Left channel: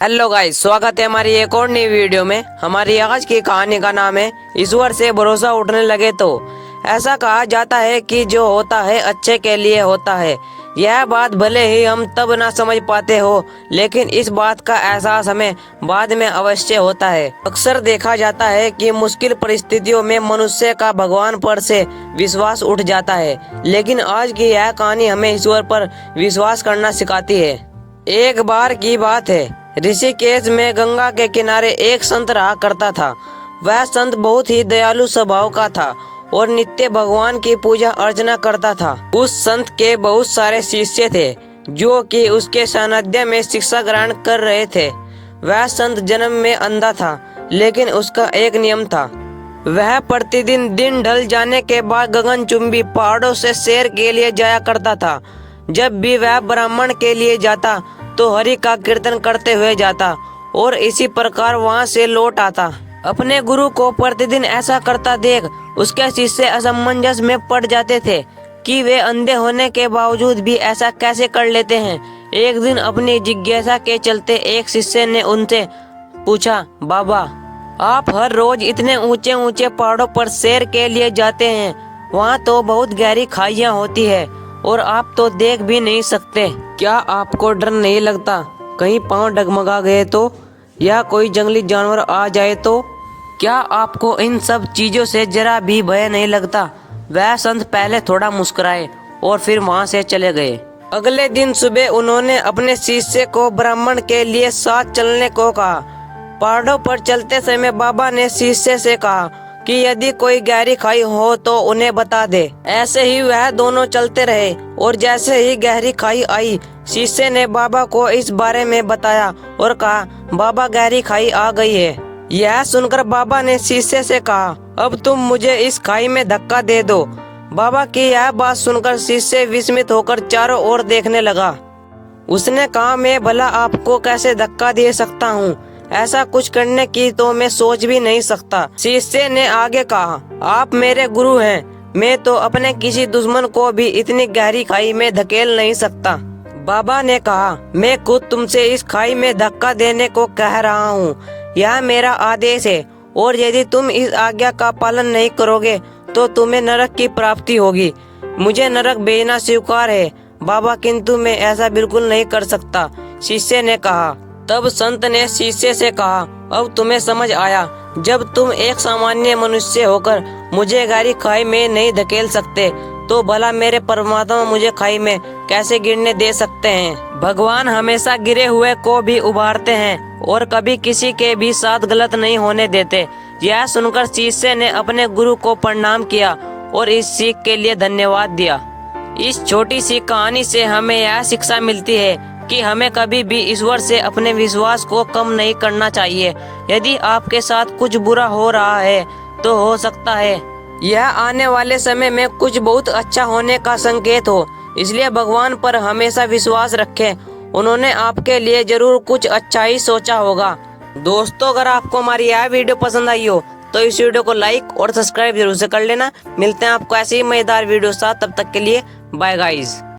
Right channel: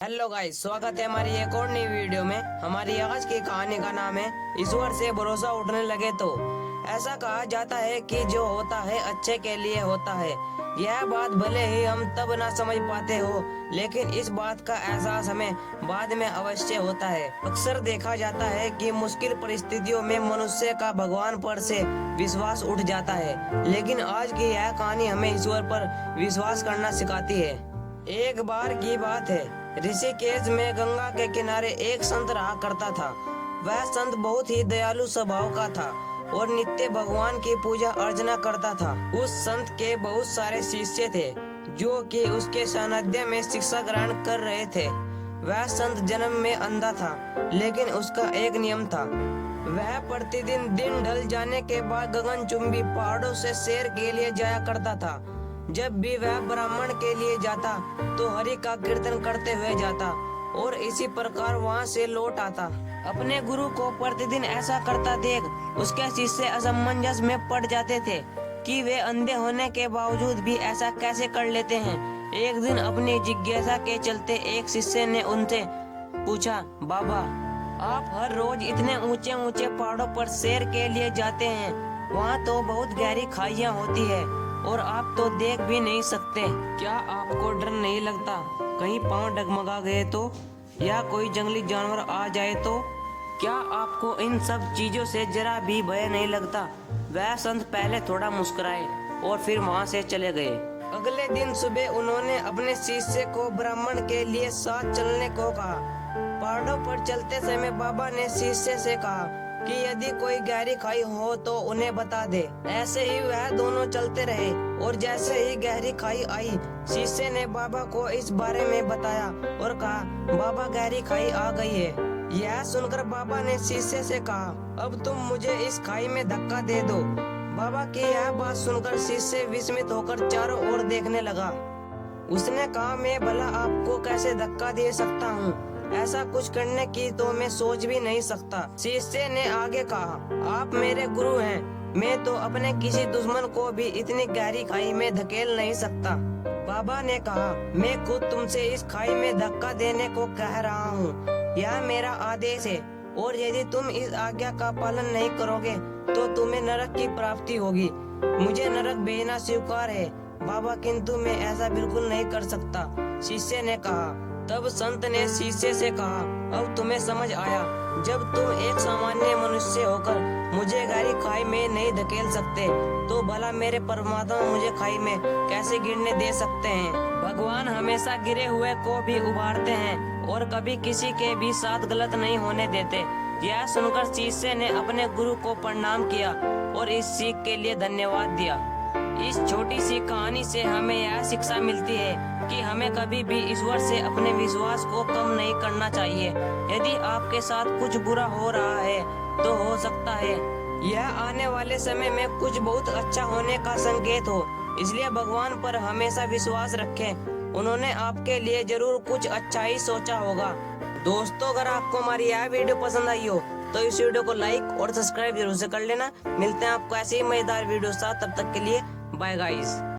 Hello guys, स्वागत है हमारी एक और नई वीडियो में। हमारी आज की कहानी का नाम है ईश्वर से भरोसा उठने लगे तो। ऐसा कहा जाता है कि जो होता है अच्छे के लिए होता है। यह बात भले ही हम तब ना समझ पाते हो, लेकिन इस बात का एहसास हमें बाद में अवश्य होता है। अक्सर देखा जाता है कि मुश्किल परिस्थितियों में मनुष्य का भगवान पर से विश्वास उठ जाता है, लेकिन आज की यह कहानी हमें ईश्वर पर विश्वास करना सिखाती है। एक बार की बात है, ऋषिकेश में गंगा के किनारे एक संत रहा करता था। वह संत बहुत ही दयालु स्वभाव का था और नित्य भगवान की पूजा अर्चना करता था। उस संत के बहुत सारे शिष्य थे जो कि उसके सानिध्य में शिक्षा ग्रहण कर रहे थे। वह संत जन्म में अंधा था, लेकिन उसका एक नियम था। वह प्रतिदिन दिन ढल जाने के बाद गगनचुंबी पहाड़ों से सैर के लिए जाया करता था। जब भी वह ब्राह्मण के लिए जाता तो हरि का कीर्तन करते हुए जाता और इसी प्रकार वहां से लौट आता। अपने गुरु को प्रतिदिन ऐसा करता देख उसके शिष्य असमंजस में पड़ जाते थे कि वे अंधे होने के बावजूद भी ऐसा कैसे कर लेते हैं। एक दिन अपनी जिज्ञासा के चलते एक शिष्य ने उनसे पूछा, बाबा, आप हर रोज इतने ऊंचे ऊंचे पहाड़ों पर सैर के लिए जाते हैं, वहाँ तो बहुत गहरी खाइयाँ होती है और आप तो देख भी नहीं सकते। क्या आपको डर नहीं लगता कहीं पांव डगमगा गए तो, या कोई जंगली जानवर आ जाए तो? क्या आपको इन सब चीजों से जरा भी भय नहीं लगता? वह संत पहले थोड़ा मुस्कुराए और फिर वहां से चले गए। अगले दिन सुबह उन्होंने अपने शिष्य को ब्राह्मण के लिए साथ चलने को कहा। पहाड़ों पर चलते समय बाबा ने शिष्य से कहा कि यदि कोई गहरी खाई हो तो उन्हें बता दे। ऐसे ही वह दोनों चलते रहे और जैसे ही गहरी खाई आई, शिष्य ने बाबा को इस बारे में बताया और कहा, बाबा, गहरी खाई आ गई है। यह सुनकर बाबा ने शिष्य से कहा, अब तुम मुझे इस खाई में धक्का दे दो। बाबा की यह बात सुनकर शिष्य विस्मित होकर चारों ओर देखने लगा। उसने कहा, मैं भला आपको कैसे धक्का दे सकता हूँ? ऐसा कुछ करने की तो मैं सोच भी नहीं सकता। शिष्य ने आगे कहा, आप मेरे गुरु हैं, मैं तो अपने किसी दुश्मन को भी इतनी गहरी खाई में धकेल नहीं सकता। बाबा ने कहा, मैं खुद तुमसे इस खाई में धक्का देने को कह रहा हूँ, यह मेरा आदेश है और यदि तुम इस आज्ञा का पालन नहीं करोगे तो तुम्हें नरक की प्राप्ति होगी। मुझे नरक भेजना स्वीकार है बाबा, किंतु मैं ऐसा बिल्कुल नहीं कर सकता। शिष्य ने कहा। तब संत ने शिष्य से कहा, अब तुम्हें समझ आया, जब तुम एक सामान्य मनुष्य होकर मुझे गहरी खाई में नहीं धकेल सकते तो भला मेरे परमात्मा मुझे खाई में कैसे गिरने दे सकते हैं? भगवान हमेशा गिरे हुए को भी उबारते हैं और कभी किसी के भी साथ गलत नहीं होने देते। यह सुनकर शिष्य ने अपने गुरु को प्रणाम किया और इस सीख के लिए धन्यवाद दिया। इस छोटी सी कहानी से हमें यह शिक्षा मिलती है कि हमें कभी भी ईश्वर से अपने विश्वास को कम नहीं करना चाहिए। यदि आपके साथ कुछ बुरा हो रहा है तो हो सकता है यह आने वाले समय में कुछ बहुत अच्छा होने का संकेत हो, इसलिए भगवान पर हमेशा विश्वास रखें। उन्होंने आपके लिए जरूर कुछ अच्छा ही सोचा होगा। दोस्तों, अगर आपको हमारी यह वीडियो पसंद आई हो तो इस वीडियो को लाइक और सब्सक्राइब जरूर से कर लेना। मिलते हैं आपको ऐसे ही मजेदार वीडियो साथ, तब तक के लिए बाय गाइस।